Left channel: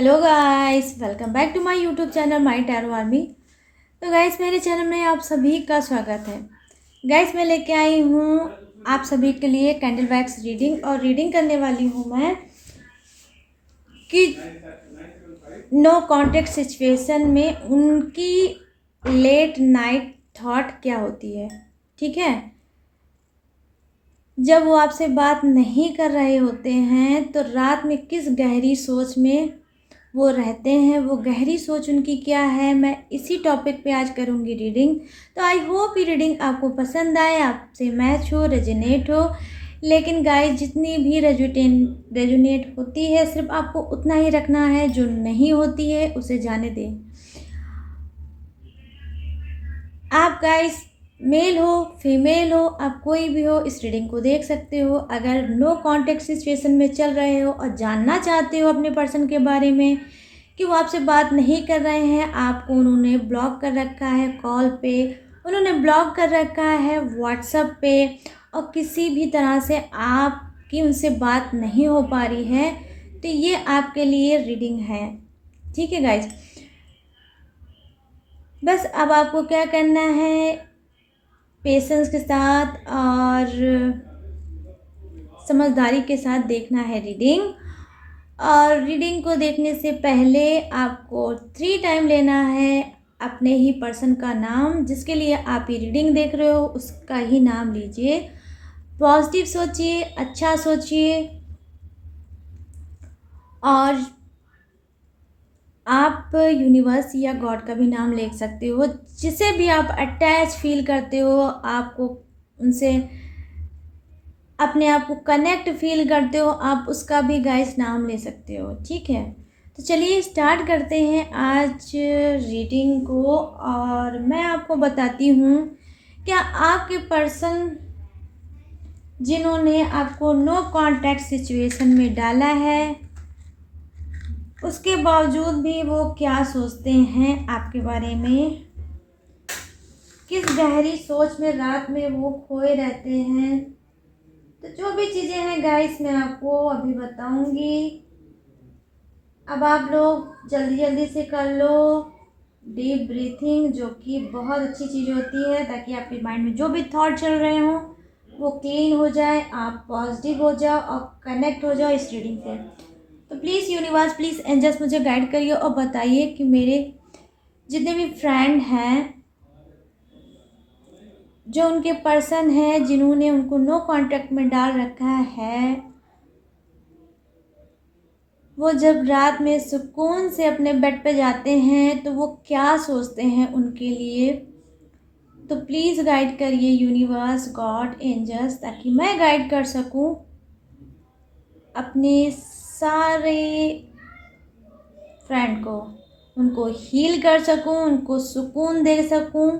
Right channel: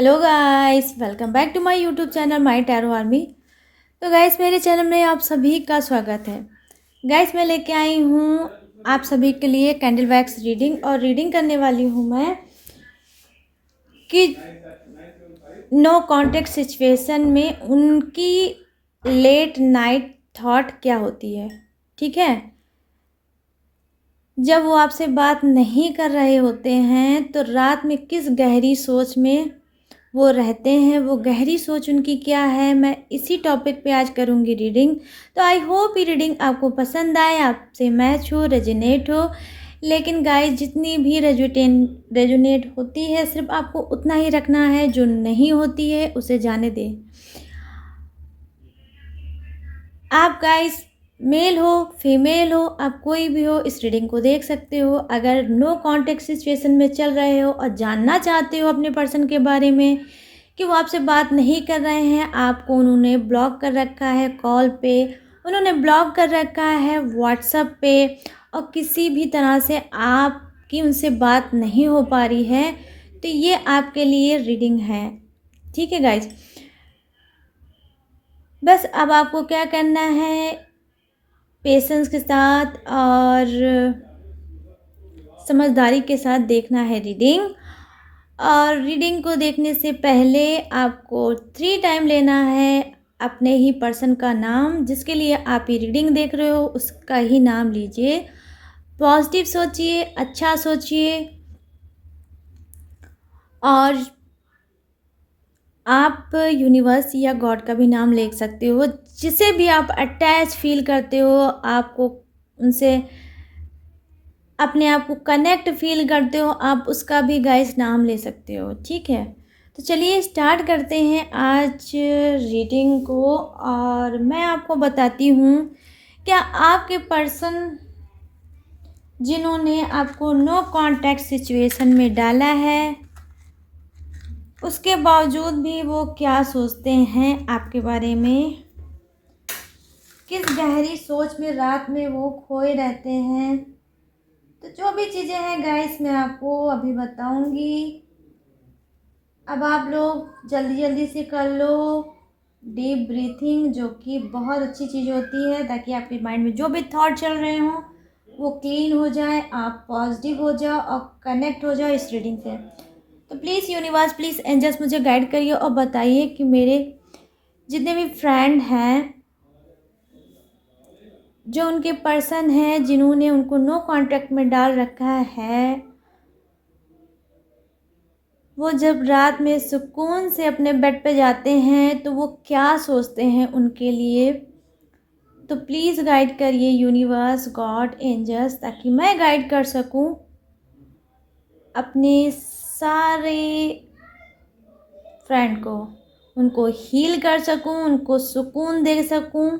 Hello guys, welcome back to my YouTube channel my tarot army. तो guys, मेरे channel में आप सभी का स्वागत है। गाइस, मैं लेके आई हूँ आप सभी के लिए कैंडल वैक्स रीडिंग, और रीडिंग करने वाली हूँ मैं कि नो कॉन्टेक्ट सिचुएशन में उनकी लेट नाइट थॉट क्या होती है। ठीक है, जब वो आपसे बात नहीं कर रहे होते हैं तो रात में किस गहरी सोच में वो रहते हैं, वो गहरी सोच उनकी क्या है, मैं इसी टॉपिक पे आज करूँगी रीडिंग। तो आई होप ये रीडिंग आपको पसंद आए, आपसे मैच हो, रेजोनेट हो। लेकिन गाइस, जितनी भी रेजोनेट होती है सिर्फ आपको उतना ही रखना है, जो नहीं होती है उसे जाने दें। आप गाइस मेल हो फीमेल हो, आप कोई भी हो, इस रीडिंग को देख सकते हो। अगर नो कॉन्टेक्ट सिचुएशन में चल रहे हो और जानना चाहते हो अपने पर्सन के बारे में कि वो आपसे बात नहीं कर रहे हैं, आपको उन्होंने ब्लॉक कर रखा है कॉल पे, उन्होंने ब्लॉक कर रखा है व्हाट्सएप पे, और किसी भी तरह से आपकी उनसे बात नहीं हो पा रही है, तो ये आपके लिए रीडिंग है। ठीक है गाइज, बस अब आपको क्या करना है, पेशेंस के साथ और समझदारी के साथ देखना है रीडिंग। और रीडिंग को देखने से पहले आपको 3 टाइम लेना है अपने ही पर्सन का नाम, जिसके लिए आप ये रीडिंग देख रहे हो उसका ही नाम लीजिए। पॉजिटिव सोचिए, अच्छा सोचिए, और आप यूनिवर्स या गॉड का भी नाम ले सकते हो, जिसे भी आप अटैच फील करते हो, आपको उनसे अपने आप को कनेक्ट फील करते हो, आप उसका भी गाइस नाम ले सकते हो। ठीक है, तो चलिए स्टार्ट करते हैं आज रीडिंग को। और मैं आपको बताती हूँ, क्या आपके पर्सन जिन्होंने आपको नो कॉन्टैक्ट सिचुएशन में डाला है, उसके बावजूद भी वो क्या सोचते हैं आपके बारे में, किस गहरी सोच में रात में वो खोए रहते हैं। तो जो भी चीज़ें हैं गाइस, मैं आपको अभी बताऊंगी। अब आप लोग जल्दी जल्दी से कर लो डीप ब्रीथिंग, जो कि बहुत अच्छी चीज़ होती है, ताकि आपके माइंड में जो भी थॉट चल रहे हों वो क्लीन हो जाए, आप पॉजिटिव हो जाओ और कनेक्ट हो जाओ इस रीडिंग से। तो प्लीज़ यूनिवर्स, प्लीज़ एंजल्स, मुझे गाइड करिए और बताइए कि मेरे जितने भी फ्रेंड हैं, जो उनके पर्सन हैं जिन्होंने उनको नो कॉन्टैक्ट में डाल रखा है, वो जब रात में सुकून से अपने बेड पे जाते हैं तो वो क्या सोचते हैं उनके लिए। तो प्लीज़ गाइड करिए यूनिवर्स, गॉड, एंजल्स, ताकि मैं गाइड कर सकूं अपने सारे फ्रेंड को, उनको हील कर सकूं, उनको सुकून दे सकूं।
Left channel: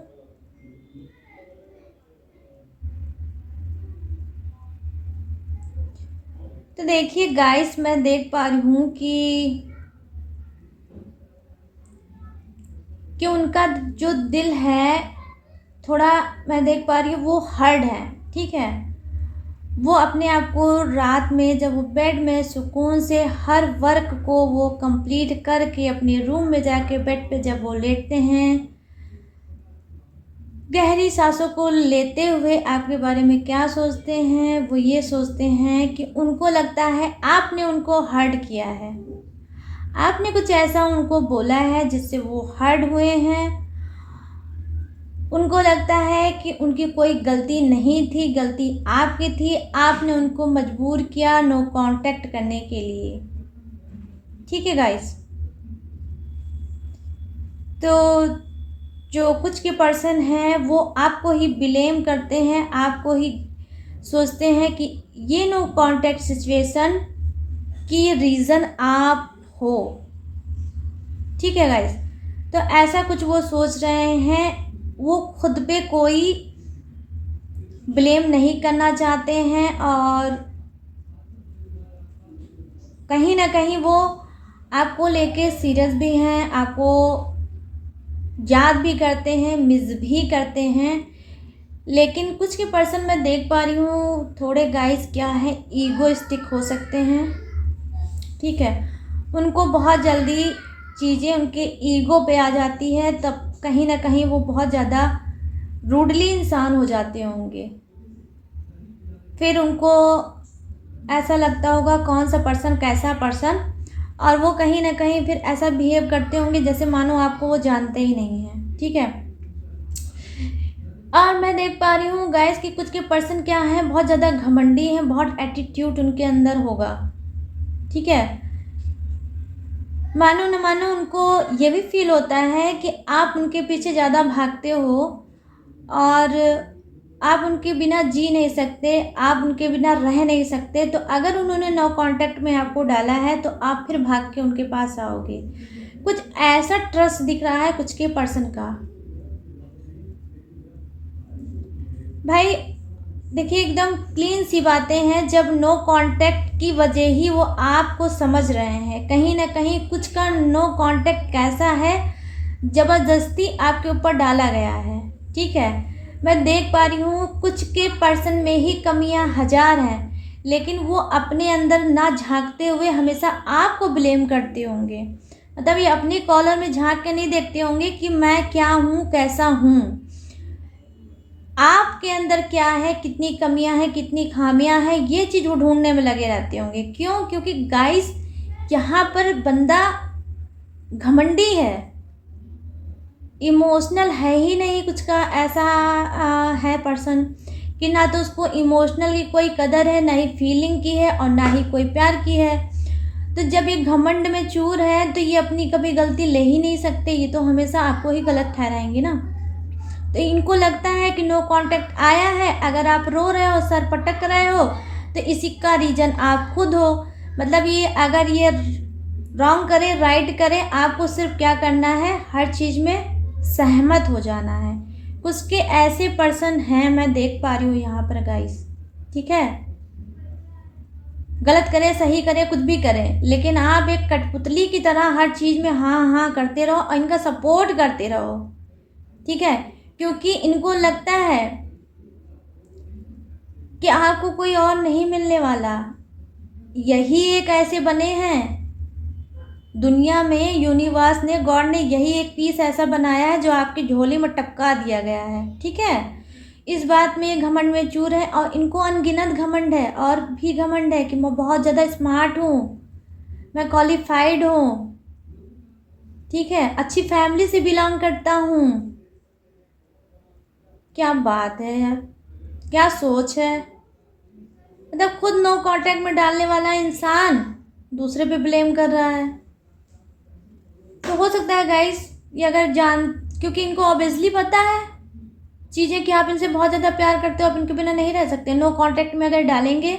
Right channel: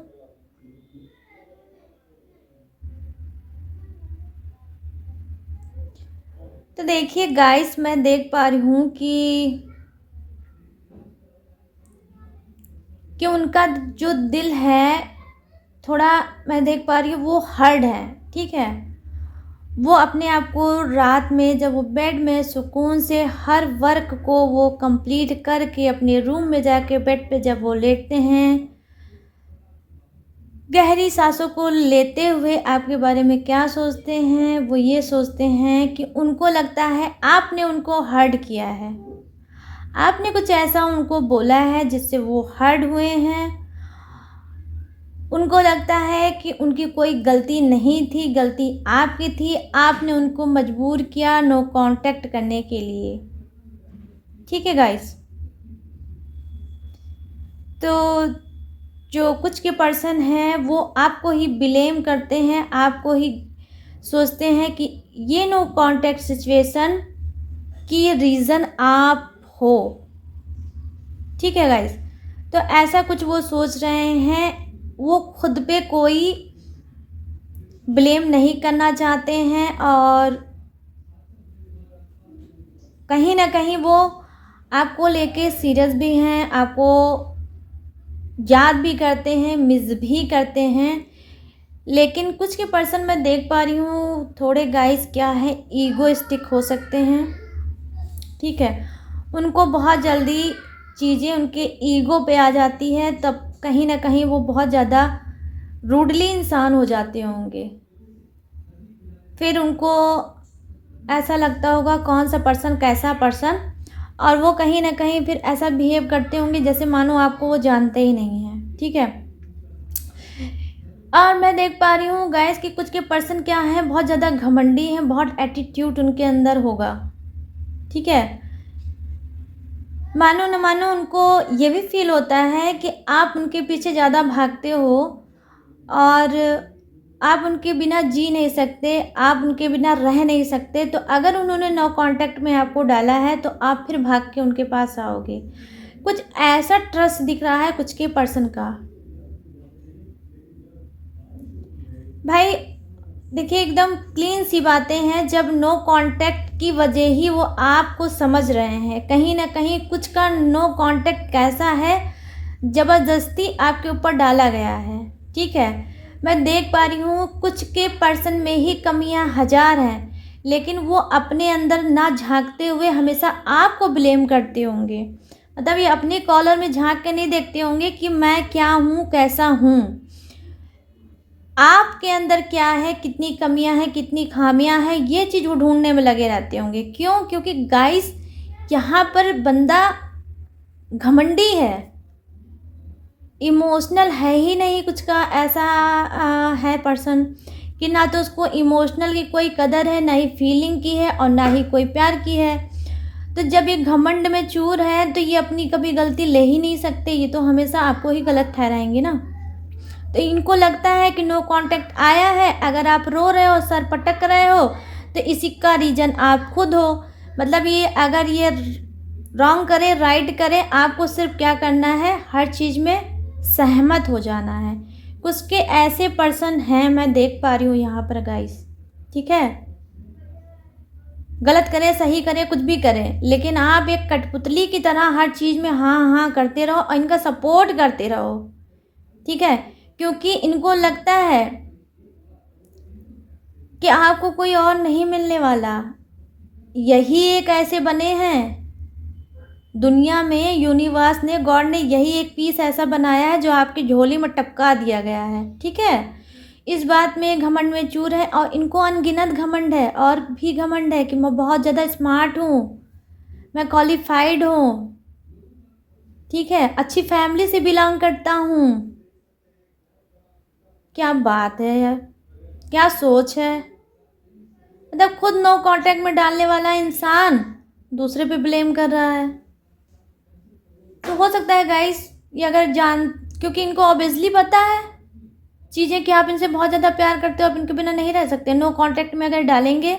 तो देखिए गाइस, मैं देख पा रही हूँ कि उनका जो दिल है, थोड़ा मैं देख पा रही हूँ वो हर्ड है। ठीक है, वो अपने आप को रात में जब वो बेड में सुकून से हर वर्क को वो कंप्लीट करके अपने रूम में जाके बेड पे जब वो लेटते हैं, गहरी सांसों को लेते हुए आपके बारे में क्या सोचते हैं, वो ये सोचते हैं कि उनको लगता है आपने उनको हर्ट किया है, आपने कुछ ऐसा उनको बोला है जिससे वो हर्ट हुए हैं। उनको लगता है कि उनकी कोई गलती नहीं थी, गलती आपकी थी, आपने उनको मजबूर किया नो कांटेक्ट करने के लिए। ठीक है गाइस, तो जो कुछ के पर्सन हैं वो आपको ही ब्लेम करते हैं, आपको ही सोचते हैं कि ये नो कांटेक्ट सिचुएशन की रीज़न आप हो। ठीक है गाइस, तो ऐसा कुछ वो सोच रहे हैं, वो खुद पे कोई ब्लेम नहीं करना चाहते हैं, और कहीं ना कहीं वो आपको लेके सीरियस भी हैं, आपको याद भी करते हैं, मिस भी करते हैं। लेकिन कुछ के पर्सन मैं देख पा रही हूँ थोड़े गाइस क्या है, ईगोइस्टिक हो सकते हैं। ठीक है, उनको बहुत जल्दी चीज़ें उनके ईगो पे आ जाती है, तब कहीं ना कहीं वो बहुत ज़्यादा रूडली इंसान हो जाते होंगे। फिर उनको ऐसा लगता होगा कौन सा पर्सन कैसा पर्सन, और वो कहीं ना कहीं फिर ऐसा बिहेव करते होंगे जैसे मानो आपको वो जानते ही नहीं हैं। ठीक है। और मैं देख पा रही हूँ गाइस कि कुछ के पर्सन क्या हैं, बहुत ज़्यादा घमंडी हैं, बहुत एटीट्यूड उनके अंदर होगा। ठीक है। मानो न मानो उनको ये भी फील होता है कि आप उनके पीछे ज़्यादा भागते हो और आप उनके बिना जी नहीं सकते, आप उनके बिना रह नहीं सकते। तो अगर उन्होंने नो कांटेक्ट में आपको डाला है तो आप फिर भाग के उनके पास आओगे। कुछ ऐसा ट्रस्ट दिख रहा है कुछ के पर्सन का। भाई देखिए, एकदम क्लीन सी बातें हैं। जब नो कांटेक्ट की वजह ही वो आपको समझ रहे हैं। कहीं ना कहीं कुछ का नो कांटेक्ट कैसा है, ज़बरदस्ती आपके ऊपर डाला गया है। ठीक है। मैं देख पा रही हूँ कुछ के पर्सन में ही कमियां हजार हैं, लेकिन वो अपने अंदर ना झांकते हुए हमेशा आपको ब्लेम करते होंगे। मतलब ये अपने कॉलर में झांक के नहीं देखते होंगे कि मैं क्या हूँ, कैसा हूँ। आपके अंदर क्या है, कितनी कमियां हैं, कितनी खामियां हैं, ये चीज़ वो ढूंढने में लगे रहते होंगे। क्यों? क्योंकि गाइस यहाँ पर बंदा घमंडी है, इमोशनल है ही नहीं। कुछ का ऐसा है पर्सन कि ना तो उसको इमोशनल की कोई कदर है, ना ही फीलिंग की है और ना ही कोई प्यार की है। तो जब ये घमंड में चूर है तो ये अपनी कभी गलती ले ही नहीं सकते, ये तो हमेशा आपको ही गलत ठहराएंगे ना। तो इनको लगता है कि नो कांटेक्ट आया है, अगर आप रो रहे हो, सर पटक रहे हो, तो इसी का रीज़न आप खुद हो। मतलब ये अगर ये रॉन्ग करे राइट करे, आपको सिर्फ क्या करना है, हर चीज़ में सहमत हो जाना है। कुछ के ऐसे पर्सन हैं, मैं देख पा रही हूँ यहाँ पर गाइस। ठीक है। गलत करें सही करें कुछ भी करें, लेकिन आप एक कठपुतली की तरह हर चीज़ में हाँ हाँ करते रहो और इनका सपोर्ट करते रहो। ठीक है। क्योंकि इनको लगता है कि आपको कोई और नहीं मिलने वाला। यही एक ऐसे बने हैं दुनिया में, यूनिवर्स ने, गॉड ने यही एक पीस ऐसा बनाया है जो आपकी झोली में टपका दिया गया है। ठीक है। इस बात में घमंड में चूर है और इनको अनगिनत घमंड है और भी घमंड है कि मैं बहुत ज़्यादा स्मार्ट हूँ, मैं क्वालिफाइड हूँ। ठीक है। अच्छी फैमिली से बिलोंग करता हूँ। क्या बात है यार, क्या सोच है। मतलब खुद नो कांटेक्ट में डालने वाला इंसान दूसरे पे ब्लेम कर रहा है। तो हो सकता है गाइस ये अगर क्योंकि इनको ऑब्वियसली पता है चीज़ें कि आप इनसे बहुत ज़्यादा प्यार करते हो, आप इनके बिना नहीं रह सकते। नो कांटेक्ट में अगर डालेंगे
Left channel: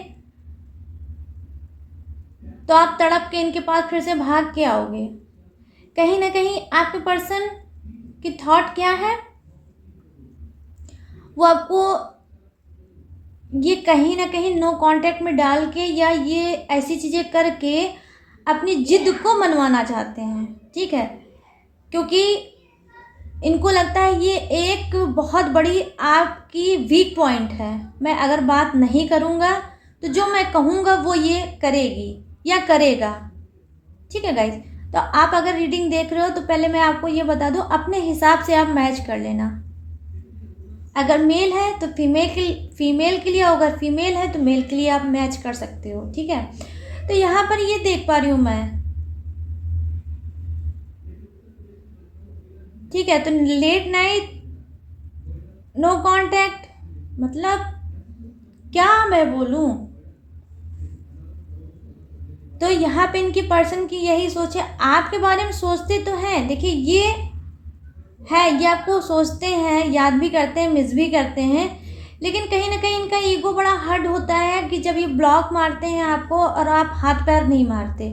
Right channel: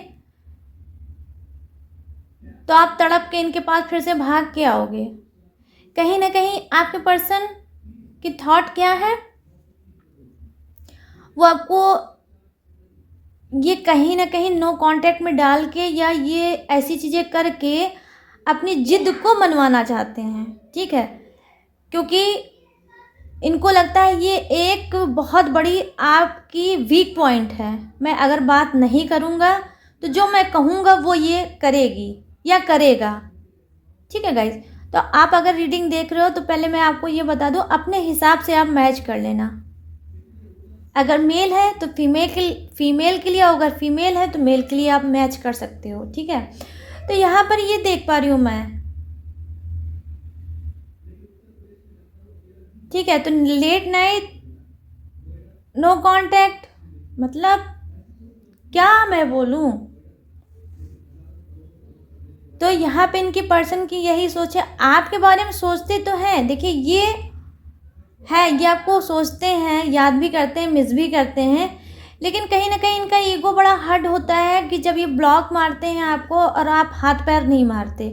तो आप तड़प के इनके पास फिर से भाग के आओगे। कहीं ना कहीं आपके पर्सन की थॉट क्या है, वो आपको ये कहीं ना कहीं नो कांटेक्ट में डाल के या ये ऐसी चीज़ें करके अपनी जिद को मनवाना चाहते हैं। ठीक है। क्योंकि इनको लगता है ये एक बहुत बड़ी आपकी वीक पॉइंट है। मैं अगर बात नहीं करूँगा तो जो मैं कहूँगा वो ये करेगी या करेगा। ठीक है गाइज। तो आप अगर रीडिंग देख रहे हो तो पहले मैं आपको ये बता दूँ, अपने हिसाब से आप मैच कर लेना। अगर मेल है तो फीमेल के लिए, अगर फीमेल है तो मेल के लिए आप मैच कर सकते हो। ठीक है। तो यहाँ पर ये देख पा रही हूँ मैं। ठीक है। तो लेट नाइट नो कांटेक्ट, मतलब क्या मैं बोलूँ। तो यहाँ पे इनके पर्सन की यही सोच है, आपके बारे में सोचते तो हैं। देखिए ये है, ये आपको सोचते हैं, याद भी करते हैं, मिस भी करते हैं, लेकिन कहीं ना कहीं इनका ईगो बड़ा हर्ट होता है कि जब ये ब्लॉक मारते हैं आपको और आप हाथ पैर नहीं मारते।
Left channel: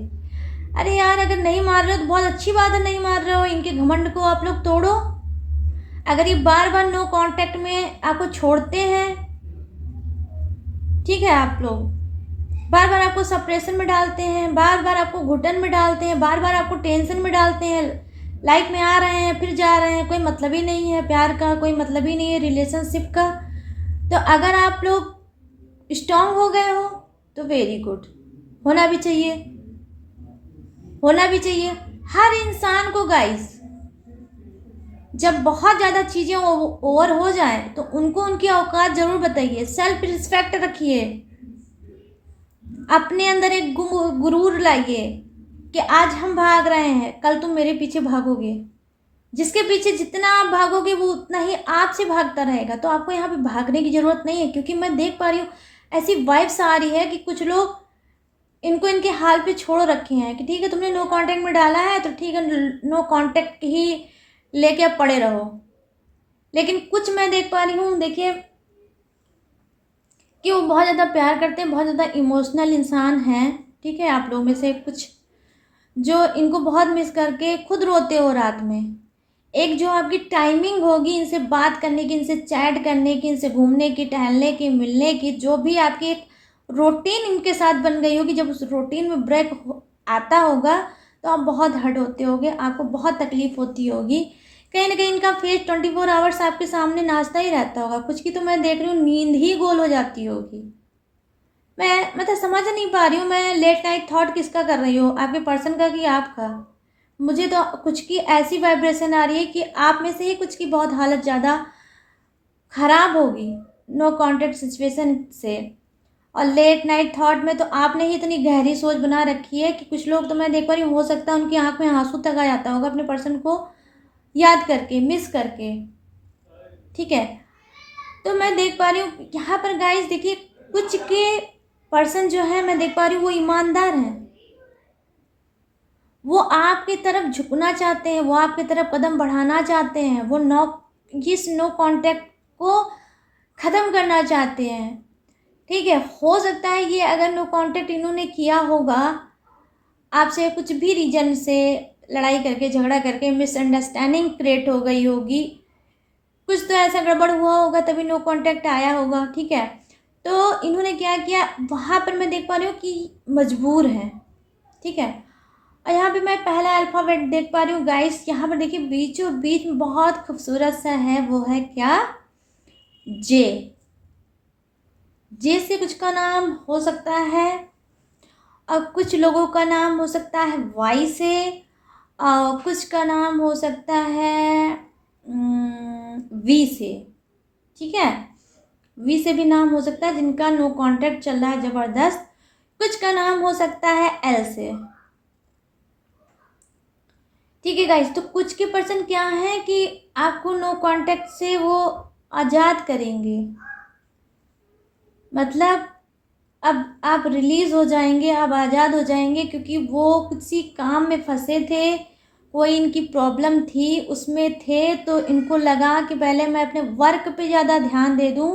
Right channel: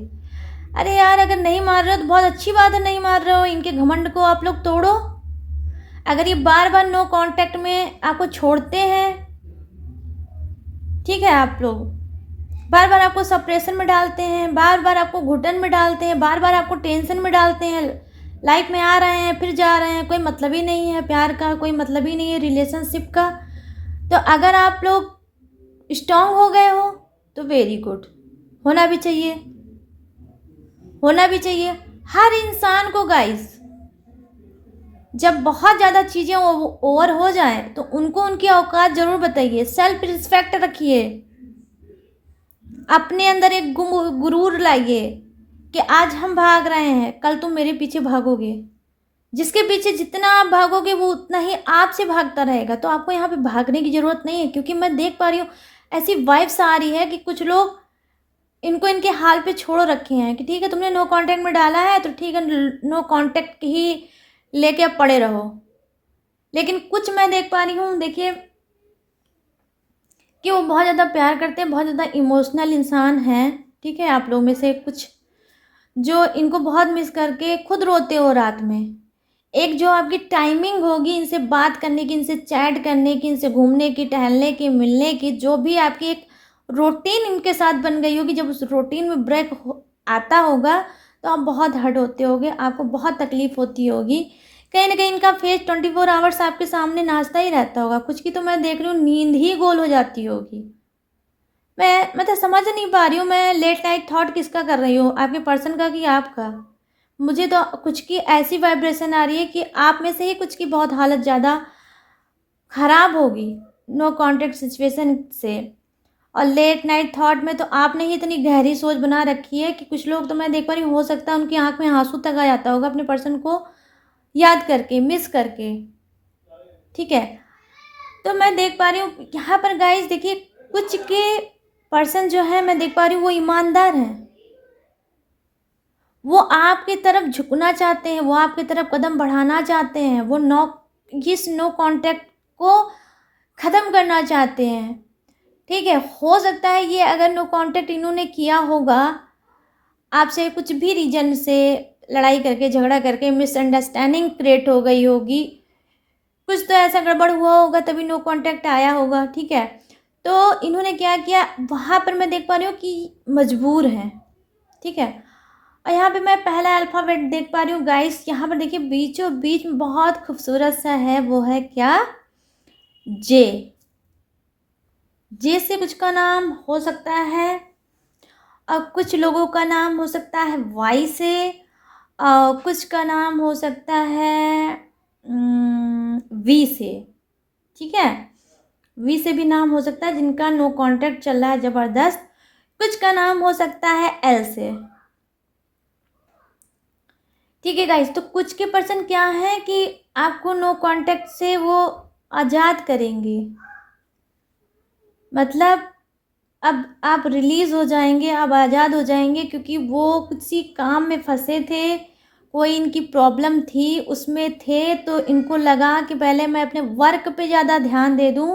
अरे यार, अगर नहीं मार रहे हो तो बहुत अच्छी बात है, नहीं मार रहे हो, इनके घमंड को आप लोग तोड़ो। अगर ये बार बार नो कांटेक्ट में आपको छोड़ते हैं, ठीक है, आप लोग बार बार आपको सप्रेशन में डालते हैं, बार बार आपको घुटन में डालते हैं, बार बार आपको टेंशन में डालते हैं, लाइफ में आ रहे हैं फिर जा रहे हैं, कोई मतलब ही नहीं है प्यार का, कोई मतलब ही नहीं है रिलेशनशिप का। तो अगर आप लोग स्ट्रांग हो गए हो तो वेरी गुड, होना भी चाहिए। होना भी चाहिए हर इंसान को गाइस। जब बहुत ज़्यादा चीज़ें ओवर हो जाएं तो उनको उनकी औकात ज़रूर बताइए, सेल्फ रिस्पेक्ट रखिए, अपने अंदर एक गुरूर लाइए कि आज हम भाग रहे हैं, कल तुम मेरे पीछे भागोगे। जिसके पीछे जितना आप भागोगे वो उतना ही आपसे भागता रहेगा। तो आपको यहाँ पे भागने की ज़रूरत नहीं है, क्योंकि मैं देख पा रही हूँ ऐसी वाइब्स आ रही है कि कुछ लोग इनको इनके हाल पे छोड़ रखे हैं कि ठीक है तुमने नो कांटेक्ट में डाला है तो ठीक है, नो कांटेक्ट ही लेके अब पड़े रहो। लेकिन कुछ मैं देख पा रही हूँ, देखिए कि वो बहुत ज़्यादा प्यार करते हैं, बहुत ज़्यादा इमोशनल इंसान हैं। ठीक है, आप लोगों में से कुछ जो इनको बहुत मिस करके खुद रोते हो रात में। एक जो आपकी टाइमिंग होगी इनसे बात करने की, इनसे चैट करने की, इनसे घूमने की, टहलने की, मिलने की, जो भी आपकी एक रूटीन इनके साथ बन गई होगी, जब उस रूटीन में ब्रेक आता होगा तो आप बहुत हर्ट होते होगे, आपको बहुत तकलीफ होती होगी। कहीं ना कहीं इनका फेस 24 आवर्स आपके सामने नाचता ही रहता होगा। कुछ की तो मैं देख रही हूँ नींद ही गोल हो जाती होगी। मैं तो समझ नहीं पा रही हूँ, मैं लेट नाइट थॉट किसका कर रही हूँ, आपके पर्सन का कि आपका। मुझे तो कुछ की ऐसी वाइब्रेशन आ रही है कि आप में से ही कुछ की बहुत हालत ज़्यादा ख़राब होगी नो कांटेक्ट सिचुएशन से। और लेट नाइट थॉट में तो आपने ही इतनी गहरी सोच बना रखी है कि कुछ लोग तो मैं देख पा रही हूँ, हो सकता है उनकी आंख में आंसू तक आ जाता होगा अपने पर्सन को याद करके, मिस करके। ठीक है, तो मैं देख पा रही हूँ यहाँ पर गाइस, देखिए कुछ के पर्सन जो है मैं देख पा रही हूँ वो ईमानदार हैं, वो आपकी तरफ झुकना चाहते हैं, वो आपकी तरफ कदम बढ़ाना चाहते हैं, वो इस नो कांटेक्ट को ख़त्म करना चाहते हैं। ठीक है, हो सकता है ये अगर नो कांटेक्ट इन्होंने किया होगा आपसे, कुछ भी रीजन से लड़ाई करके, झगड़ा करके, मिसअंडरस्टैंडिंग क्रिएट हो गई होगी, कुछ तो ऐसा गड़बड़ हुआ होगा तभी नो कांटेक्ट आया होगा। ठीक है, तो इन्होंने क्या किया वहाँ पर मैं देख पा रही हूँ कि मजबूर हैं। ठीक है, और यहाँ पे मैं पहला अल्फ़ाबेट देख पा रही हूँ गाइस, यहाँ पर देखिए बीचों बीच में बहुत खूबसूरत सा है, वो है क्या, जे। जे से कुछ का नाम हो सकता है, और कुछ लोगों का नाम हो सकता है वाई से, कुछ का नाम हो सकता है वी से। ठीक है, वी से भी नाम हो सकता है जिनका नो कांटेक्ट चल रहा है ज़बरदस्त। कुछ का नाम हो सकता है एल से। ठीक है गाइस, तो कुछ के पर्सन क्या है कि आपको नो कांटेक्ट से वो आज़ाद करेंगे, मतलब अब आप रिलीज़ हो जाएंगे, अब आज़ाद हो जाएंगे, क्योंकि वो किसी काम में फंसे थे, कोई इनकी प्रॉब्लम थी उसमें थे, तो इनको लगा कि पहले मैं अपने वर्क पे ज़्यादा ध्यान दे दूँ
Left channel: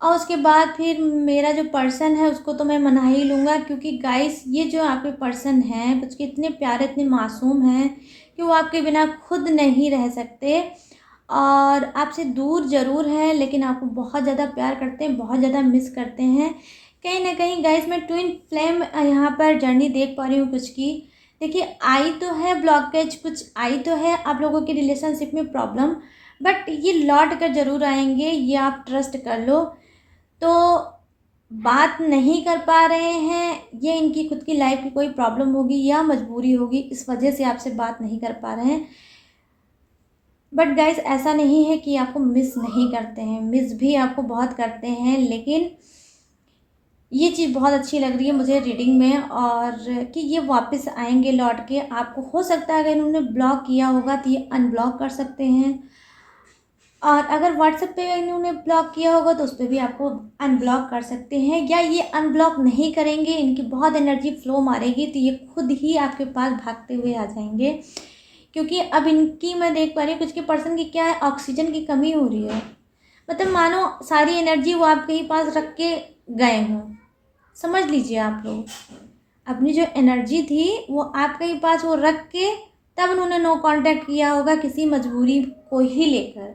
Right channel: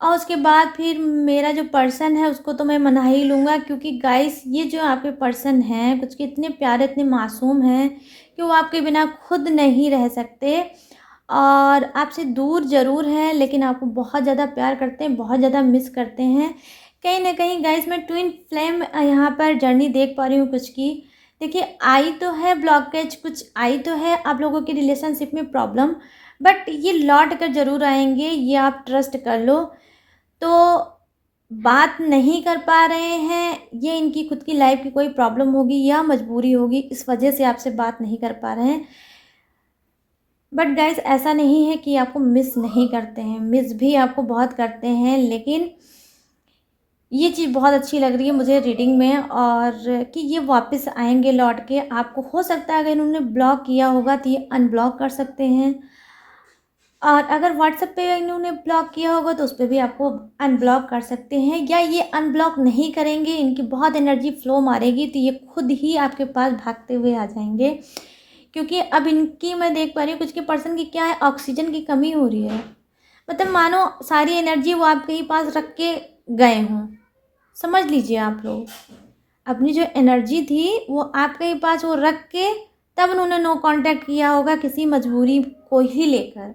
और उसके बाद फिर मेरा जो पर्सन है उसको तो मैं मना ही लूँगा। क्योंकि गाइस ये जो आपके पर्सन हैं कुछ के इतने प्यारे, इतने मासूम हैं कि वो आपके बिना खुद नहीं रह सकते, और आपसे दूर ज़रूर है लेकिन आपको बहुत ज़्यादा प्यार करते हैं, बहुत ज़्यादा मिस करते हैं। कहीं ना कहीं गाइस मैं ट्विन फ्लेम यहाँ पर जर्नी देख पा रही हूँ कुछ की। देखिए आई तो है ब्लॉकेज, कुछ आई तो है आप लोगों की रिलेशनशिप में प्रॉब्लम, बट ये लौट कर ज़रूर आएंगे, ये आप ट्रस्ट कर लो। तो बात नहीं कर पा रहे हैं, ये इनकी खुद की लाइफ की कोई प्रॉब्लम होगी या मजबूरी होगी, इस वजह से आपसे बात नहीं कर पा रहे हैं। बट गाइस ऐसा नहीं है कि आपको मिस नहीं करते हैं, मिस भी आपको बहुत करते हैं। लेकिन ये चीज़ बहुत अच्छी लग रही है मुझे रीडिंग में, और कि ये वापस आएंगे लौट के। आपको हो सकता है अगर इन्होंने ब्लॉक किया होगा तो ये अनब्लॉक कर सकते हैं, और अगर व्हाट्सएप पे इन्होंने ब्लॉक किया होगा तो उस पर भी आपको अनब्लॉक कर सकते हैं, या ये अनब्लॉक नहीं करेंगे, इनकी बहुत एनर्जी फ्लो मारेगी तो ये खुद ही आपके पास भागते हुए आ जाएंगे। क्योंकि अब इनकी मैं देख पा रही हूँ कुछ के पर्सन की क्या है, ऑक्सीजन की कमी हो रही है, मतलब मानो सारी एनर्जी वो आपके ही पास रख के गए हों। समझ लीजिए आप लोग, अपनी जो एनर्जी थी वो आपके ही पास वो रख के तब उन्होंने नो कांटेक्ट किया होगा किसी मजबूरी को ही लेकर।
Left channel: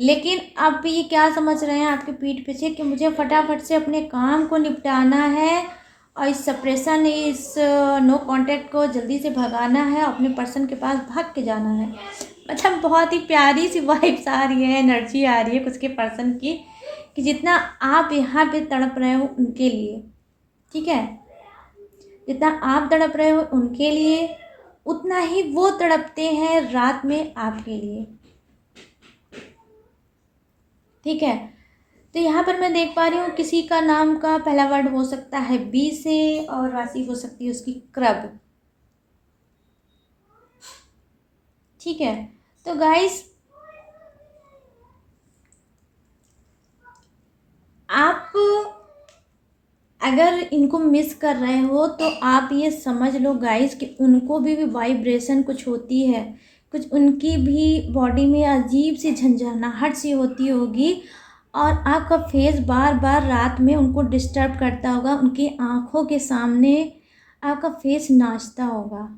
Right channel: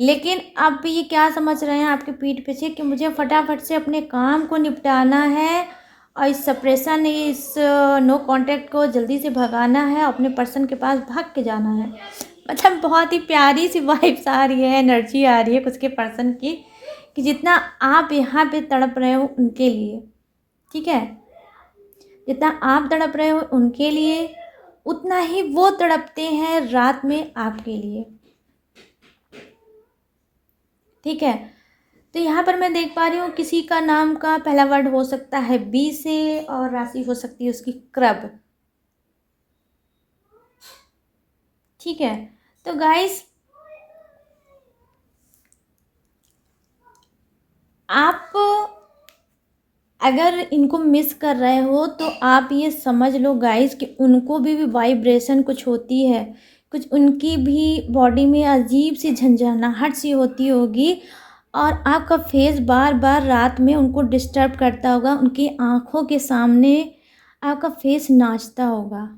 लेकिन अब ये क्या समझ रहे हैं आपके पीठ पीछे कि मुझे फटाफट से अपने काम को निपटाना है और इस सप्रेशन, इस नो कांटेक्ट को जल्दी से भगाना है, अपने पर्सन के पास भाग के जाना है। मतलब बहुत ही प्यारी सी वाइब्स आ रही है, एनर्जी आ रही है कुछ के पर्सन की, कि जितना आप यहाँ पे तड़प रहे हो उनके लिए। ठीक है, जितना आप तड़प रहे हो उनके लिए, उतना ही वो तड़पते हैं रात में आपके लिए। ठीक है, तो यहाँ पर मैं देख पा रही हूँ किसी का नाम का पहला वर्ड हो सकता है बी से और राशि हो सकती है उसकी क्रब। ठीक है, तो गाइस आप अगर इनको मिस कर रहे हो तो आप ये समझ लो गाइस कि उनको भी वाइब्रेशन कुछ होती है, कुछ उनकी भी बॉडी में अजीब सी झंझनाहट सी होती होगी, और आपका फेस बार बार रात में उनको डिस्टर्ब करता होगा, उनकी आँखों के सामने आपका फेस नाचता होगा।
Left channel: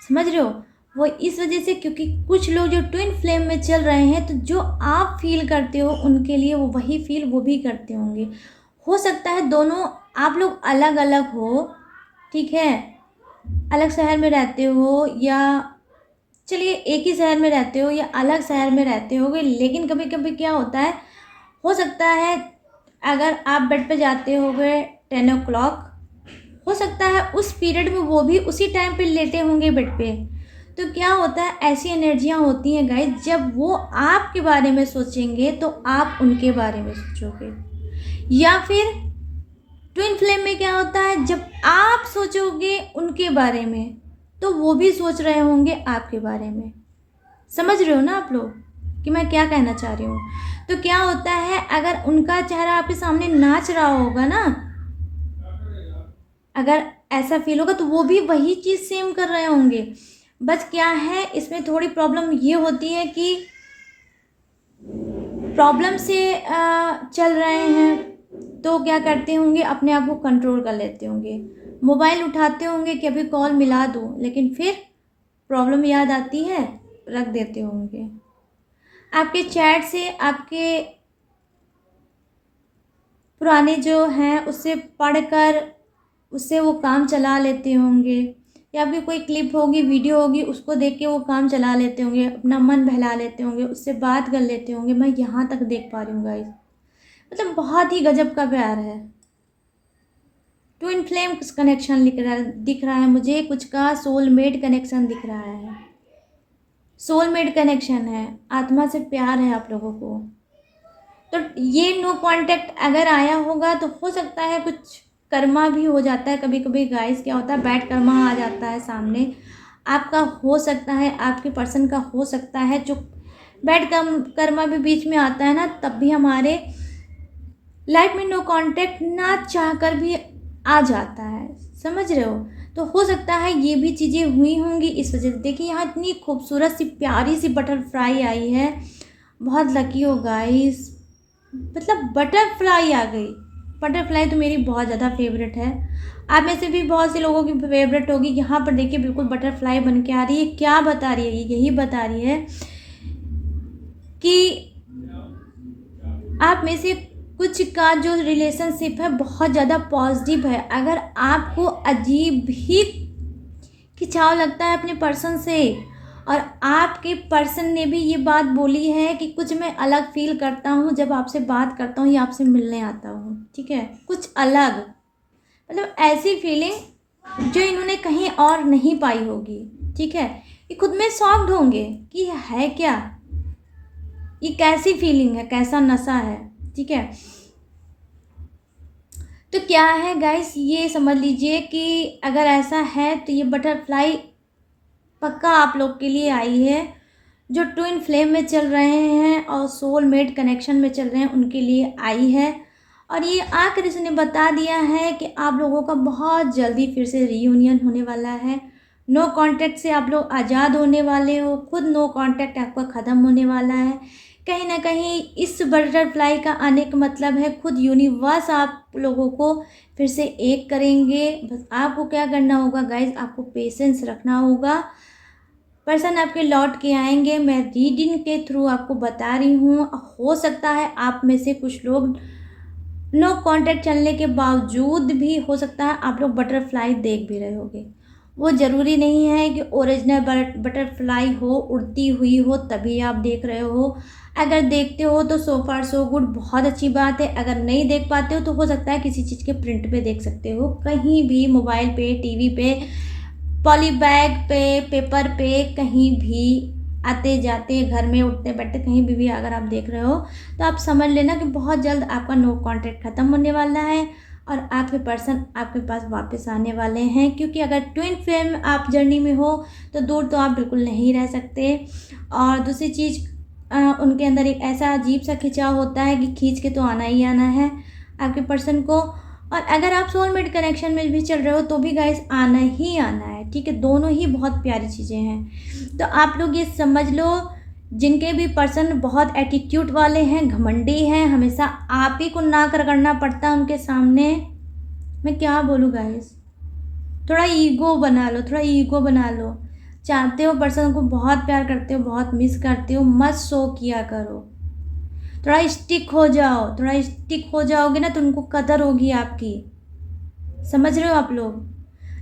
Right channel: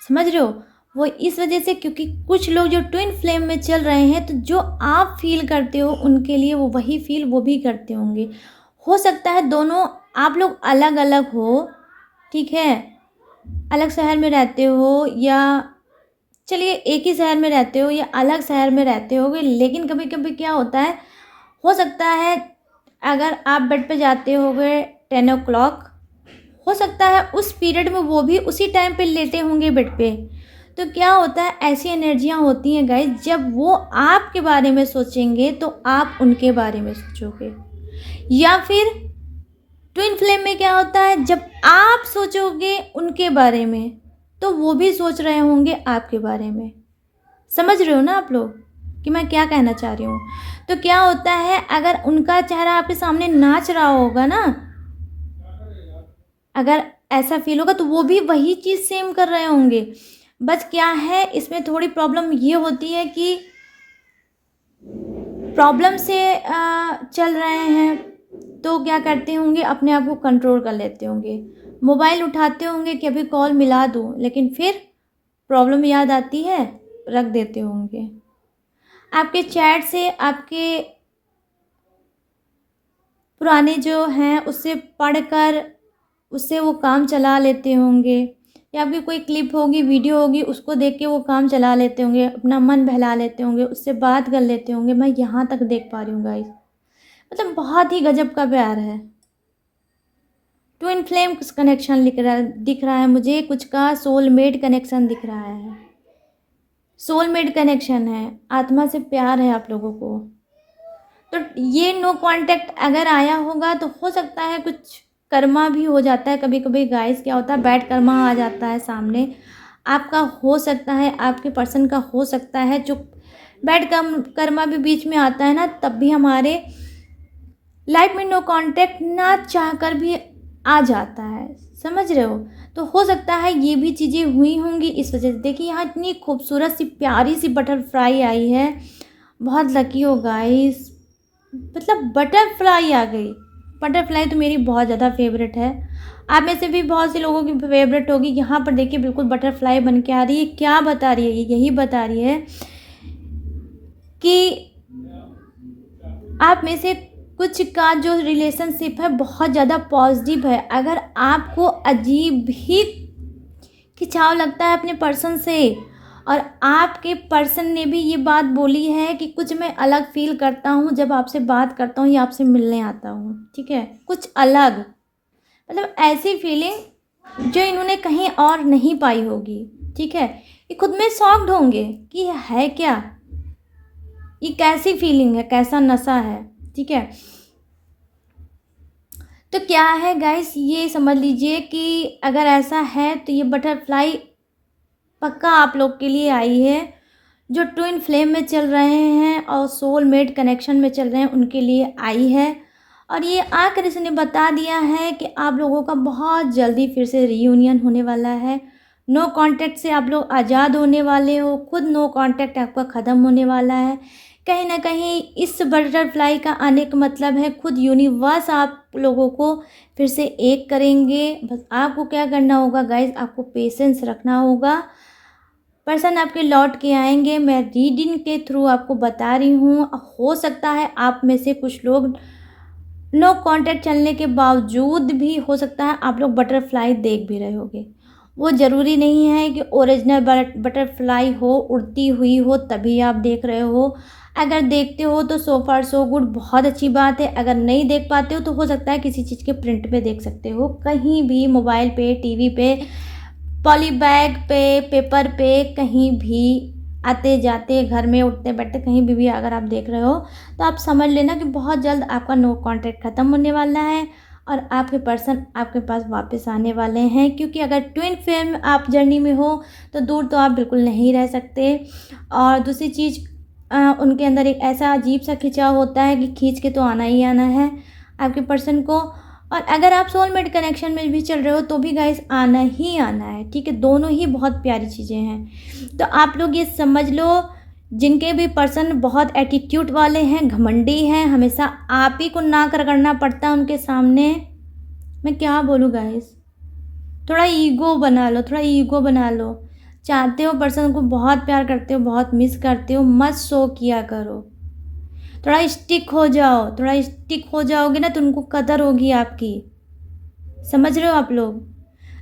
समझ रहे हो? वो इस वजह से क्योंकि कुछ लोग जो ट्विन फ्लेम में चल रहे हैं, तो जो आप फील करते हो उनके लिए वो वही फील वो भी करते होंगे। हो सकता है दोनों आप लोग अलग अलग हो, ठीक है, अलग शहर में रहते हो, या चलिए एक ही शहर में रहते हो या अलग शहर में रहते होगे, लेकिन कभी कभी क्या होता है, हो सकता है अगर आप बेड पे जाते होगे 10 o'clock, हो सकता है उस पीरियड में वो भी उसी टाइम पे लेटे होंगे बेड पे। तो क्या होता है, ऐसी एनर्जियाँ होती हैं गाइस, जब वो आपके बारे में सोचेंगे तो आप उनके बारे में सोचोगे, या फिर ट्विन फ्लेम में क्या होता है, जब आप सोचोगे उनके बारे में तो वो भी सोच रहे होंगे आपके बारे में। समझ रहे हो ना आप लोग कि मैं क्या कहना चाह रही हूँ? तो क्या होता है, अगर उनका चेहरा आपके सामने नाच रहा होगा ना, अगर ऐसा फील होगा तो वो भी वही चीज़ सेम कर रहे होंगे। बस क्या है, इसमें थोड़ी प्रॉब्लम ये होती है कि प्रॉब्लम से चल रहे हैं तो क्या करते होंगे, अपने आप को कंट्रोल कर लेते होंगे, मोबाइल उठाते होंगे कि अभी कॉल मिला दूँ, लेकिन फिर प्रॉब्लम याद आती है, रख देते होंगे। आपके चैट से, आपके पुराने जो हैं उससे पढ़कर उससे वो काम चला लेते होंगे, या फिर कोई क्लिप होगी, वीडियो होगी, उसको देख के वो काम चला लेते होंगे, अपना मन बहला लेते होंगे, उससे बात कर लेते होंगे। मैं यहाँ तक देख पा रही हूँ गाइस, मतलब बहुत ही गजब का प्यार है। ट्विन फ्लेम कनेक्शन दिख रहा है मुझे, कुछ का सोलमेट कनेक्शन दिख रहा है, सोलमेट कनेक्शन है, आत्मा से प्यार है आप लोगों को। तो ये नो कांटेक्ट अगर आया होगा तो हो सकता है कुछ कर्मा भी हो जाता है कभी कभी गाइस। क्या होता है, बैड कर्मा आ जाता है सामने आपका, हो सकता है आपके पर्सन का, हो सकता है जो बैड कर्मा भी बीच में आता है ना, तब भी हमारे लाइफ में नो कांटेक्ट ना चाहकर भी आ जाता है। समझ रहे हो? तो हो सकता है ये भी चीज़ें हुई होंगी इस वजह से। देखिए यहाँ इतनी खूबसूरत सी प्यारी सी बटरफ्लाई आई है, बहुत लकी हो गाइस, मतलब बटरफ्लाई आ गई। बटरफ्लाई तो मेरी बहुत ज़्यादा फेवरेट है, आप में से भी बहुत से लोगों की फेवरेट होगी। यहाँ पर देखिए बिल्कुल बटरफ्लाई बन के आ रही है। क्या बता रही है ये? यही बता रही है कि आप में से कुछ का जो रिलेशनशिप है बहुत ज़्यादा पॉजिटिव है। अगर आपको अजीब ही खिंचाव लगता है अपने पर्सन से, और आपके पर्सन ने भी ये बात बोली है कि कुछ मैं अलग फील करता हूँ जब आपसे बात करता हूँ या आपसे मिलने आता हूँ, ठीक है, कुछ अलग, मतलब ऐसी फीलिंग जो इन्होंने कहीं और नहीं पाई होगी। ठीक है, ये खुद में शॉक्ड होंगे कि है क्या, ये कैसी फीलिंग है, कैसा नशा है। ठीक है, तो क्या है गाइस, ये समझ लीजिए कि अगर ऐसा है तो ये बटरफ्लाई पक्का आप लोग के लिए आई है, जो ट्विन फ्लेम में चल रहे हैं और सोलमेट कनेक्शन में चल रहे हैं उनके लिए आई है। और ये आकर इसने बता दिया है कि आप लोगों का बहुत जल्दी फिर से रीयूनियन होने वाला है। नो कांटेक्ट से आप लोग आज़ाद होने वाले हो, खुद नो कांटेक्ट आपका ख़त्म होने वाला है। कहीं ना कहीं इस बटरफ्लाई का आने का मतलब है खुद यूनिवर्स आप लोगों को फिर से एक करेंगे। बस आपको क्या करना होगा गाइज, आपको पेशेंस रखना होगा। पर्सन आपके लौट के आएंगे, मैं रीडिंग के थ्रू आपको बता रही हूँ। हो सकता है आप में से कुछ लोग नो कांटेक्ट चलने के बावजूद भी हो सकता है आप लोग बटरफ्लाई देख भी रहे होगे। वो ज़रूरी नहीं है कि ओरिजिनल बटरफ्लाई हो, उड़ती हुई हो, तभी आप देख रहे हो। अगर देखते हो तो सो फार सो गुड, बहुत अच्छी बात है। अगर नहीं देख पाते हो तो हो सकता है किसी चीज़ के प्रिंट पे देख सकते हो, कहीं भी, मोबाइल पे, टीवी पे, पॉली बैग पे, पेपर पे, कहीं भी, आते जाते, घर में उठते बैठते, कहीं भी अगर आप देख रहे हो तो आप समझ लेना कि बहुत जल्द आपका नो कॉन्टैक्ट ख़त्म होने वाला है और आपके पर्सन आपके पास वापस आने वाले हैं। क्योंकि अगर ट्विन फ्लेम आप जर्नी में हो तो दूर तो आप बिल्कुल नहीं रह सकते। और दूसरी चीज़, उनके अंदर एक ऐसा अजीब सा खिंचाव होता है कि खींच के तो आना ही आना है आपके पर्सन को। और अगर आप सोलमेट कनेक्शन में भी चल रहे हो तो भी गाइस आना ही आना है, ठीक है। दोनों ही बहुत प्यारी चीज़ें हैं। तो आप लोग ये समझ लो, जिनके भी पर्सन बहुत एटीट्यूड वाले हैं, घमंडी हैं, हमेशा आप ही को ना रगड़ना पड़ता है उनके सामने, मैं क्या बोलूँ गाइस, थोड़ा ईगो बना लो, थोड़ा ईगो बना लो। चाहते हो पर्सन को, बहुत प्यार करते हो, बहुत मिस करते हो, मत शो किया करो। थोड़ा स्टिक हो जाओ, थोड़ा स्टिक हो जाओगे ना तो उनको कदर होगी आपकी। समझ रहे हो आप लोग?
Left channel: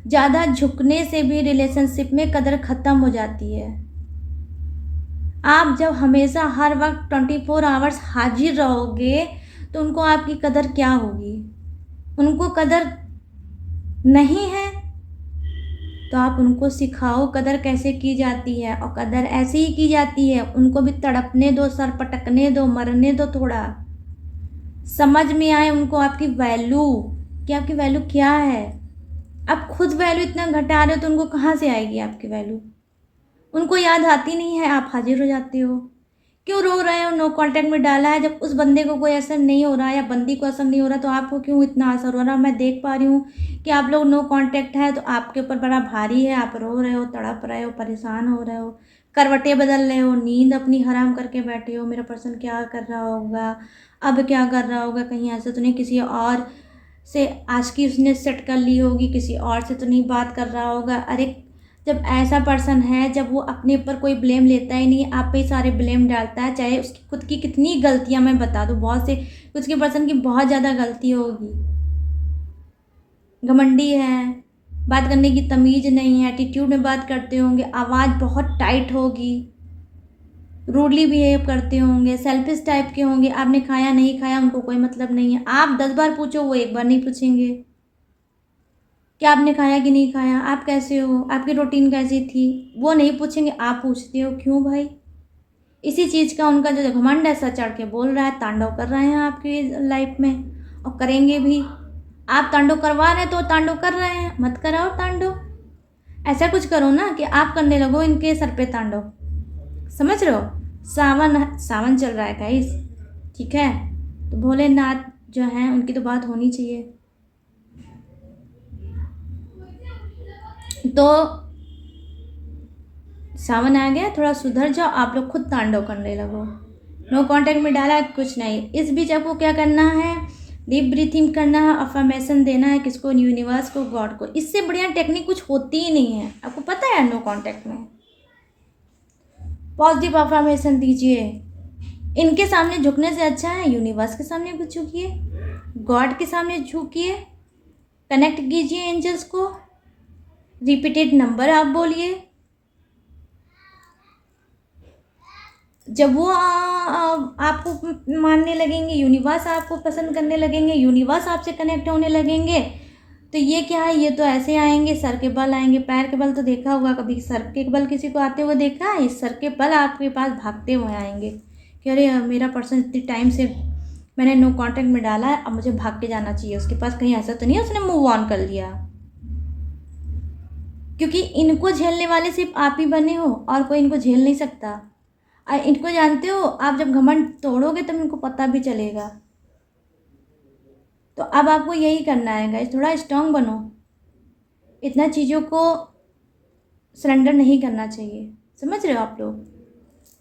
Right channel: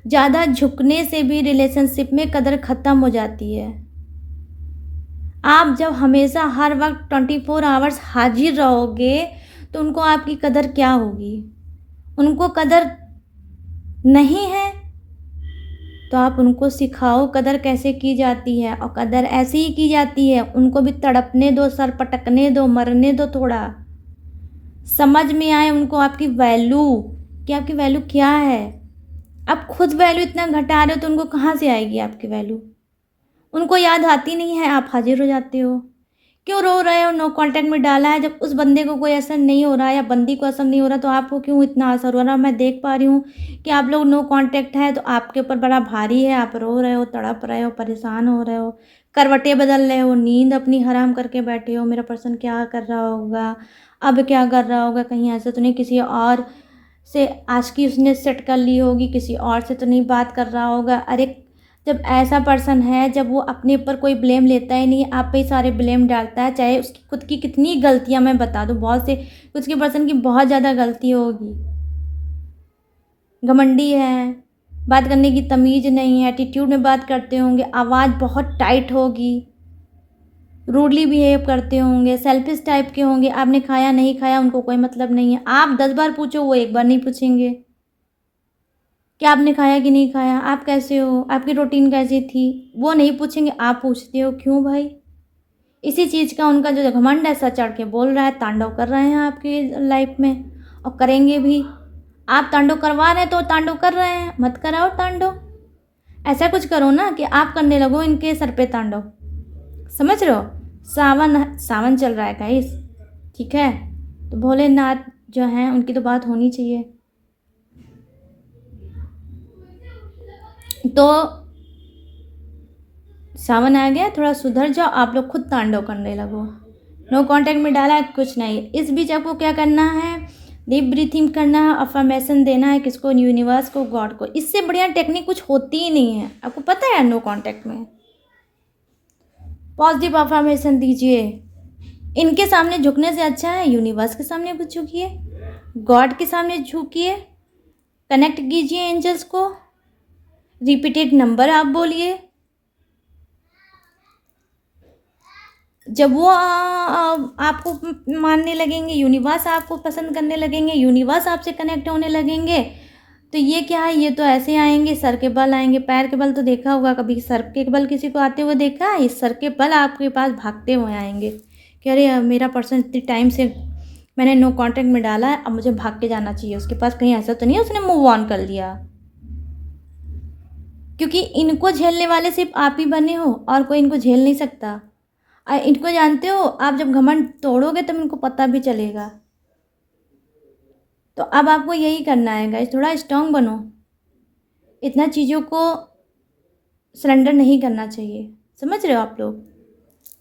ज़्यादा झुकने से भी रिलेशनशिप में कदर ख़त्म हो जाती है। आप जब हमेशा हर वक्त 24 आवर्स हाजिर रहोगे तो उनको आपकी कदर क्या होगी? उनको कदर नहीं है तो आप उनको सिखाओ कदर कैसे की जाती है। और कदर ऐसे ही की जाती है, उनको भी तड़पने दो, सर पटकने दो, मरने दो, थोड़ा समझ में आए उनको आपकी वैल्यू, कि आपकी वैल्यू क्या है। आप खुद वैल्यू इतना घटा रहे हो तो उनको कहाँ से आएगी आपकी वैल्यू? उनको याद आती नहीं है, आप हाजिर हो जाते हो। क्यों रो रहे हो? नो कांटेक्ट में डाला है, जब उस बंदे को कोई असर नहीं हो रहा या बंदी को असर नहीं हो रहा तो आपको क्यों इतना असर हो रहा है? मैं देख पा रही हूँ कि आप लोग नो कांटेक्ट है तो आपके ऊपर बड़ा भारी है, आप रो रहे हो, तड़प रहे हो, परेशान हो रहे हो, करवटें बदल रहे हो, नींद अपनी हराम करके बैठे हो। मेरा पर्सन क्या कर रहा होगा, अब क्या कर रहा होगा, कहीं ऐसा तो नहीं किसी और से आशिकी उसने सेट कर ली होगी, किसी और से तो नहीं बात कर रहा होगा। अरे जब ऐसा पर्सन है, जब वो अपने ऊपर कोई ब्लेम लेता ही नहीं, आप पे ही सारे ब्लेम डालता है, चाहे उसकी खुद की कितनी गलतियां मैं बता दूँ, बहुत से उसके पर्सन की बहुत ज़्यादा गलती होगी। घमंडी है, बात करने की तमीज़ नहीं है, एटीट्यूड में बात करते होंगे, आवाज़ बहुत टाइट होगी, रूडली बिहेव करते होंगे, सेल्फिश टाइप के होंगे। आपने खाया नहीं खाया उनको कोई मतलब नहीं है। आप 10 बार पूछो, वो एक बार नहीं पूछेंगे कि आपने खाया कि नहीं खाया, आप कैसे हो, आपकी रूटीन कैसी थी, वो नहीं पूछेंगे, आप पूछते हो। क्यों भाई? इसी चीज़ का उनका जो घमंड है, सर चढ़ के बोल रहा है, तांडव कर रहे हैं आपकी लाइफ में और करेंगे भी। आप तांडव करवा रहे हैं तो तांडव कर रहे हैं, मत कराओ तांडव। ऐसा कुछ करो ना कि आप करने लगो इनके सर पे तांडव। समझ रहे हो? सावन सावन चल रहा है गाइस, ठीक है, तो भोलेनाथ जो हैं उनकी तो बात होनी चाहिए। तो सावन आ गया, थोड़ा सुधर जाओ, आप लोग खुद तांडव करने लगो। नो कांटेक्ट में डाला कुछ नहीं। इस बीच आपको क्या करना है? डीप ब्रीथिंग करना है, अफर्मेशन देना है, किसको? यूनिवर्स को, गॉड को। इससे बढ़िया टेक्निक कुछ होती ही नहीं है, आपको पता है। नो कांटेक्ट में पॉजिटिव अफर्मेशन दीजिए। इनके सामने झुकने से अच्छा है यूनिवर्स के सामने कुछ झुकिए, गॉड के सामने झुकिए, कनेक्ट कीजिए एंजल्स को, रिपीटेड नंबर आप बोलिए। जब वो आपको मानने लगेंगे, यूनिवर्स आपको पसंद करने लगेंगे, यूनिवर्स आपसे कनेक्ट होने लगेंगे, तो ये क्या है? ये तो ऐसे आएंगे, सर के बल आएंगे, पैर के बल तो देखा होगा कभी, सर के बल किसी को आते हुए देखा है? इस सर के बल आपके पास भागते हुए आएंगे कि अरे मेरा पर्सन इतने टाइम से मैंने नो कांटेक्ट में डाला है, अब मुझे भाग के जाना चाहिए उसके पास, कहीं ऐसा तो नहीं है उसने मूव ऑन कर लिया। क्योंकि इनको झेलने वाले सिर्फ आप ही बने हो और कोई इनको झेल नहीं सकता। इनको जानते हो, आप जब घमंड तोड़ोगे तब इनको पता भी चलेगा। तो अब आपको यही करना है गाइस, थोड़ा स्ट्रांग बनो, इतना चीज़ों को सरेंडर नहीं करना चाहिए। समझ रहे हो आप लोग?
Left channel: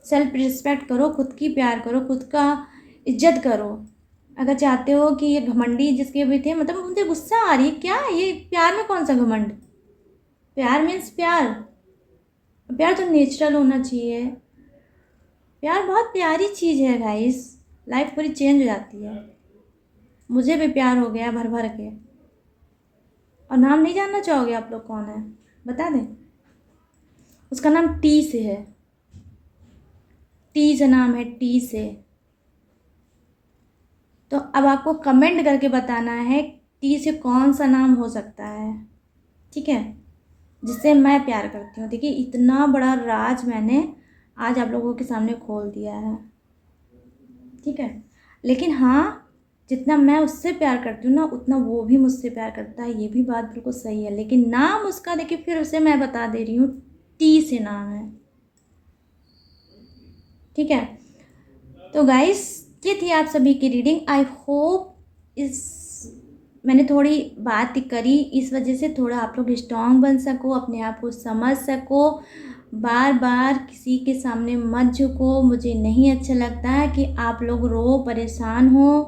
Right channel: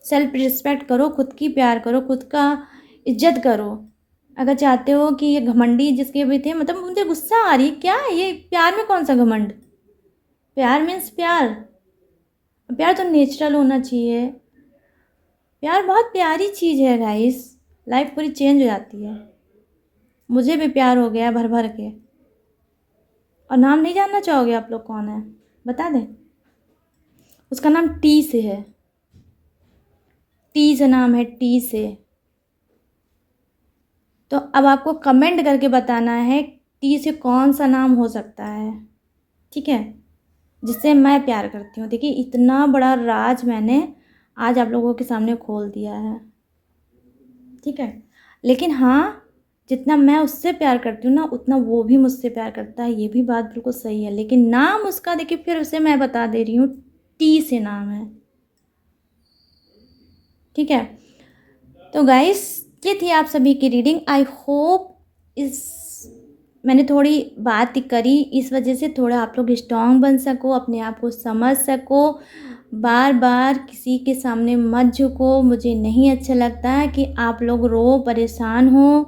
सेल्फ रिस्पेक्ट करो, खुद की प्यार करो, खुद का इज्जत करो। अगर चाहते हो कि ये घमंडी जिसके भी थे, मतलब मुझे गुस्सा आ रही है, क्या है ये? प्यार में कौन सा घमंड? प्यार मीन्स प्यार, प्यार तो नेचुरल होना चाहिए। प्यार बहुत प्यारी चीज़ है गाइस, लाइफ पूरी चेंज हो जाती है। मुझे भी प्यार हो गया भर भर के। और नाम नहीं जानना चाहोगे आप लोग कौन है? बता दें, उसका नाम टी से है। टी से नाम है, टी से। तो अब आपको कमेंट करके बताना है टी से कौन सा नाम हो सकता है, ठीक है, जिससे मैं प्यार करती हूँ। देखिए इतना बड़ा राज मैंने आज आप लोगों के सामने खोल दिया है, ठीक है। लेकिन हाँ, जितना मैं उससे प्यार करती हूँ ना, उतना वो भी मुझसे प्यार करता है, ये भी बात बिल्कुल सही है। लेकिन नाम उसका देखिए फिर उसे मैं बता दे रही हूँ, टी से नाम है, ठीक है। तो गाइस ये थी आप सभी की रीडिंग। आई होप इस मैंने थोड़ी बात करी, इस वजह से थोड़ा आप लोग स्ट्रांग बन सको, अपने आप को समझ सको, बार बार किसी के सामने मत झुको। मुझे नहीं अच्छा लगता है कि आप लोग रो परेशान हो,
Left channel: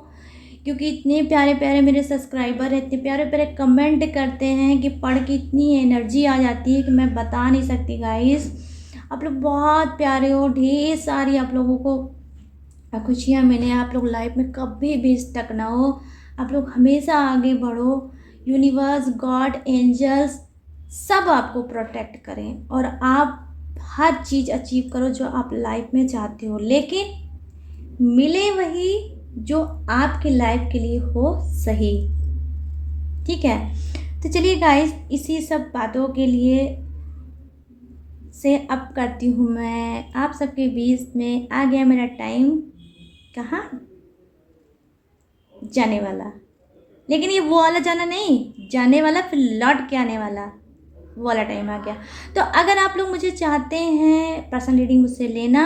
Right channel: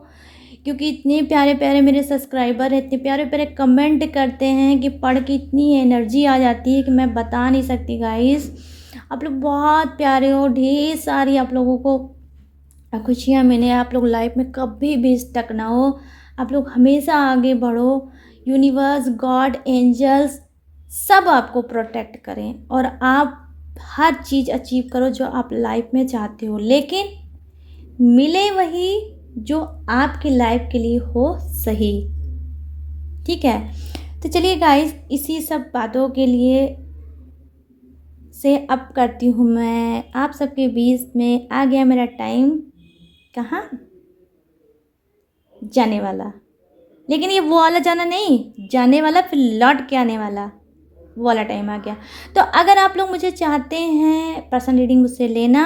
क्योंकि इतने प्यारे प्यारे मेरे सब्सक्राइबर हैं, इतने प्यारे प्यारे कमेंट करते हैं कि पढ़ के इतनी एनर्जी आ जाती है कि मैं बता नहीं सकती गाइस। आप लोग बहुत प्यारे हो, ढेर सारी आप लोगों को खुशियाँ मिले, आप लोग लाइफ में कभी भी स्टक ना हो, आप लोग हमेशा आगे बढ़ो। यूनिवर्स, गॉड, एंजल्स सब आपको प्रोटेक्ट करें और आप हर चीज़ अचीव करो जो आप लाइफ में चाहते हो, लेकिन मिले वही जो आपकी लाइफ के लिए हो सही, ठीक है। तो चलिए गाइस, इसी सब बातों के लिए से अब करती हूँ मैं आप सबके बीच में, आ गया मेरा टाइम कहाँ जाने वाला। लेकिन ये वो वाला जाना नहीं, जाने वाला फिर लौट के आने वाला, वो वाला टाइम आ गया। तो अगर आप लोग मुझे चाहते हैं पर्सनल रीडिंग मुझसे लेना,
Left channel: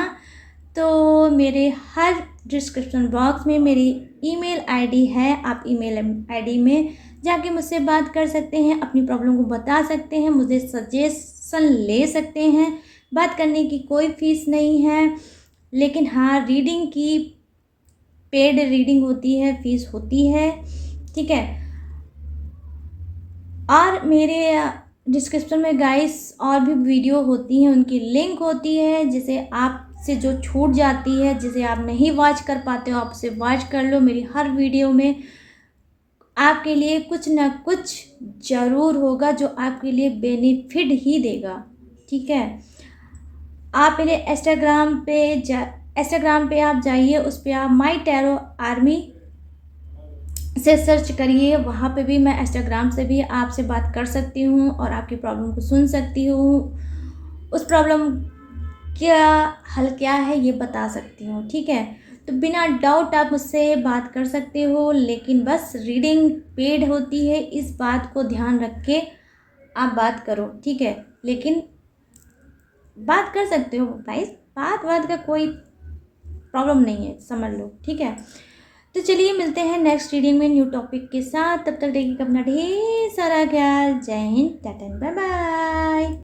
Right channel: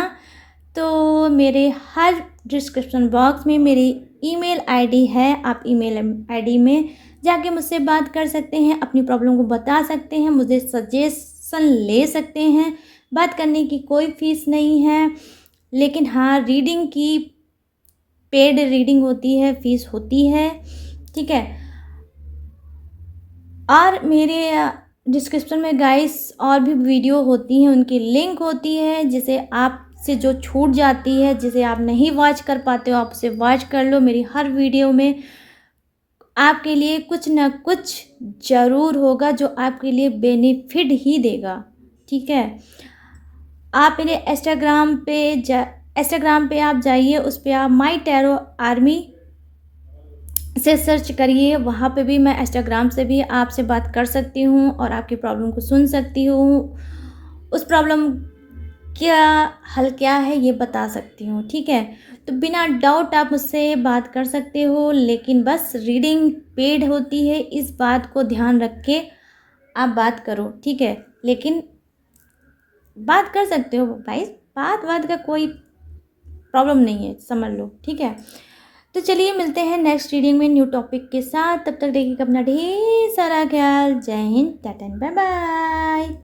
तो मेरे हर डिस्क्रिप्शन बॉक्स में मेरी ईमेल आईडी है, आप ईमेल आईडी में जाके मुझसे बात कर सकते हैं, अपनी प्रॉब्लम को बता सकते हैं, मुझे सजेशन ले सकते हैं। बात करने की कोई फीस नहीं है, लेकिन हाँ रीडिंग की पेड रीडिंग होती है, फीस होती है, ठीक है। और मेरे डिस्क्रिप्शन में गाइस और भी वीडियो होती हैं, उनकी लिंक होती है, जिसे आपसे जो छूट जाती है, जिसे आप नहीं वॉच कर पाते हो, आप उसे वॉच कर लो। मेरी हर वीडियो में आपके लिए कुछ ना कुछ ज़रूर होगा जो आपके लिए बेनिफिट ही देगा, ठीक है। आप मेरे इंस्टाग्राम पे आप जाइए, उस पर आप माई टैरो आर्मी से सर्च करिए, वहाँ पे भी मैं इंस्टाग्राम से भी आपसे बात कर सकती हूँ और आपकी प्रॉब्लम को सुन सकती हूँ, उस प्रॉब्लम क्या हल क्या है ये बता सकती हूँ, ठीक है। तो बिना डाउट आप मुझसे बात कर सकते हो, लेकिन बस रीडिंग पेड होती है, इस बात को ध्यान रख के आप बात करो, ठीक है। लेकिन बात कर सकते हो भाई, बात का कोई प्रॉब्लम नहीं है, समझ लो, ठीक है। तो चलिए मिलते हैं नेक्स्ट रीडिंग में न्यू टॉपिक के साथ, तब तक देखिएगा अपना ढेर सारा ख्याल। जय हिंद, टाटा, बाय बाय।